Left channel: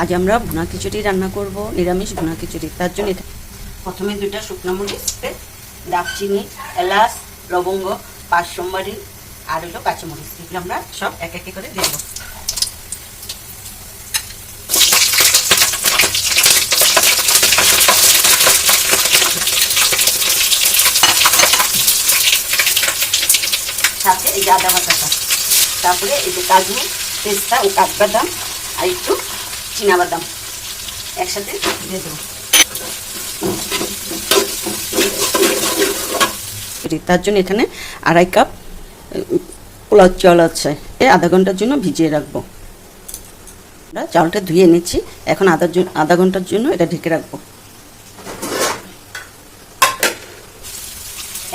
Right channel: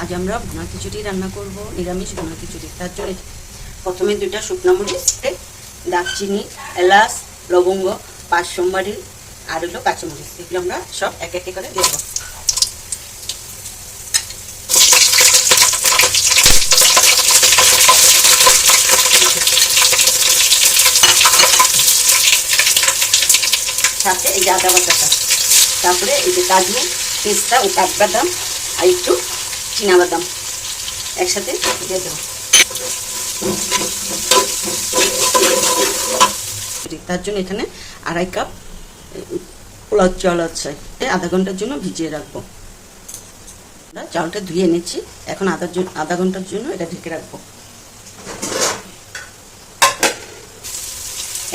আজ আমরা ভুনা খিচুড়ি রান্না করব, নিরামিষ ভুনা খিচুড়ি। তার জন্য প্রথমে 2টা শুকনো মরিচ, দারচিনি, এলাচ, লবঙ্গ, 5 সোমবারি আর হলো কাঁচামরিচ, এগুলো আমরা সব এক এক করে দেবো। সাথে এই যে আদা বাটাটা, তারপরে এই যে কাজু, পেস্তা ও কাঠবাদাম আর একটু চীনাবাদাম একসাথে দিয়ে দেবো। তার জন্য এখানে 2.5 কাপ পোলাও চাল আছে, আধা ঘন্টার জন্য ভিজিয়ে রাখবো। চালটা ধুয়ে এনেছি, এখন আধা ঘন্টার জন্য এটা ঢেকে রাখবো।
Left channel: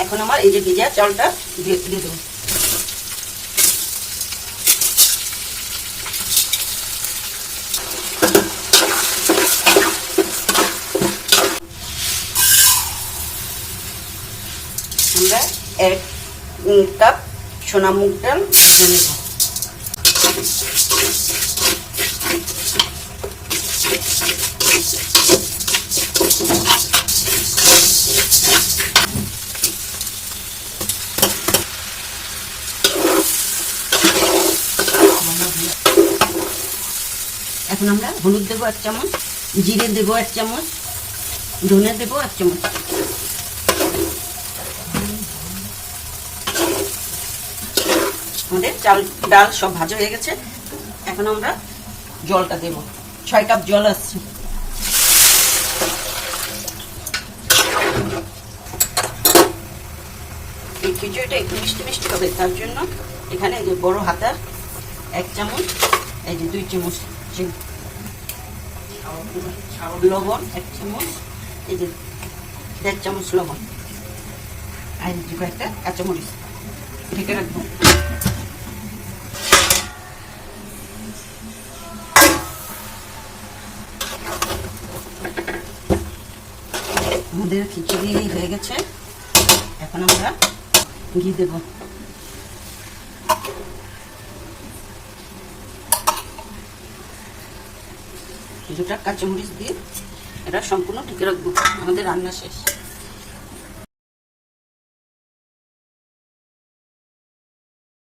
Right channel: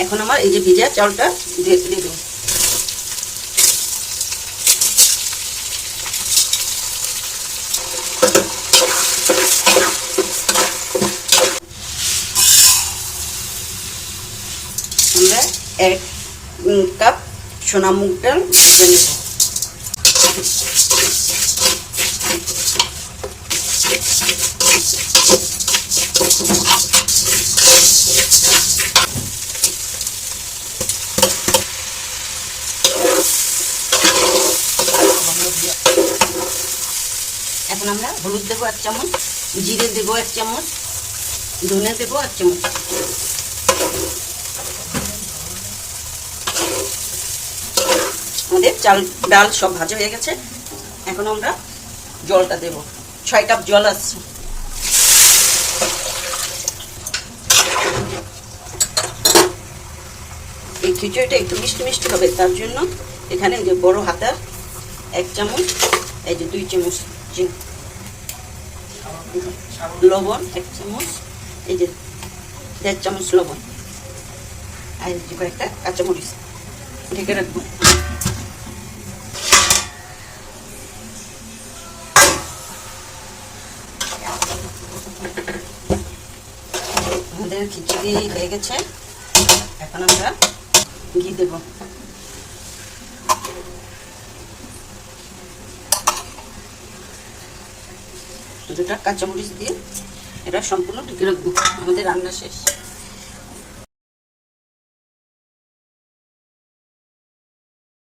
এখন আমার এই যে ভিজা চালটা দিয়ে দেবো। আমরা 1 কাপ সোনা মুগ ডাল ভেজে নেব। এখন আমরা হলুদ দেবো 1 চামচ, জিরে দেবো 1 চামচ, ধনে দেবো 1 চামচ। আমাদের চাল ডাল সব ভাজা হয়ে গেছে, এখন আমরা জলটা দেব। 6 কাপ জল আছে। এই খিচুড়িটা একটু মিষ্টি মিষ্টি হবে, তার জন্য এখানে যে বড় হাতার 1 চামচ, এই যে 2 চামচ লবণ, 1 চামচ, এই যে 1.5 চামচ লবণ, আর একটা কাঁচামরিচ ঢেকে রাখবো। আমাদের খিচুড়ি হয়ে গেছে, এখন আমরা ঘি দেব। দুটা কাঁচামরিচ দিয়ে এটা সম্পূর্ণ ঢেকে রাখবো। আমাদের রান্না শেষ।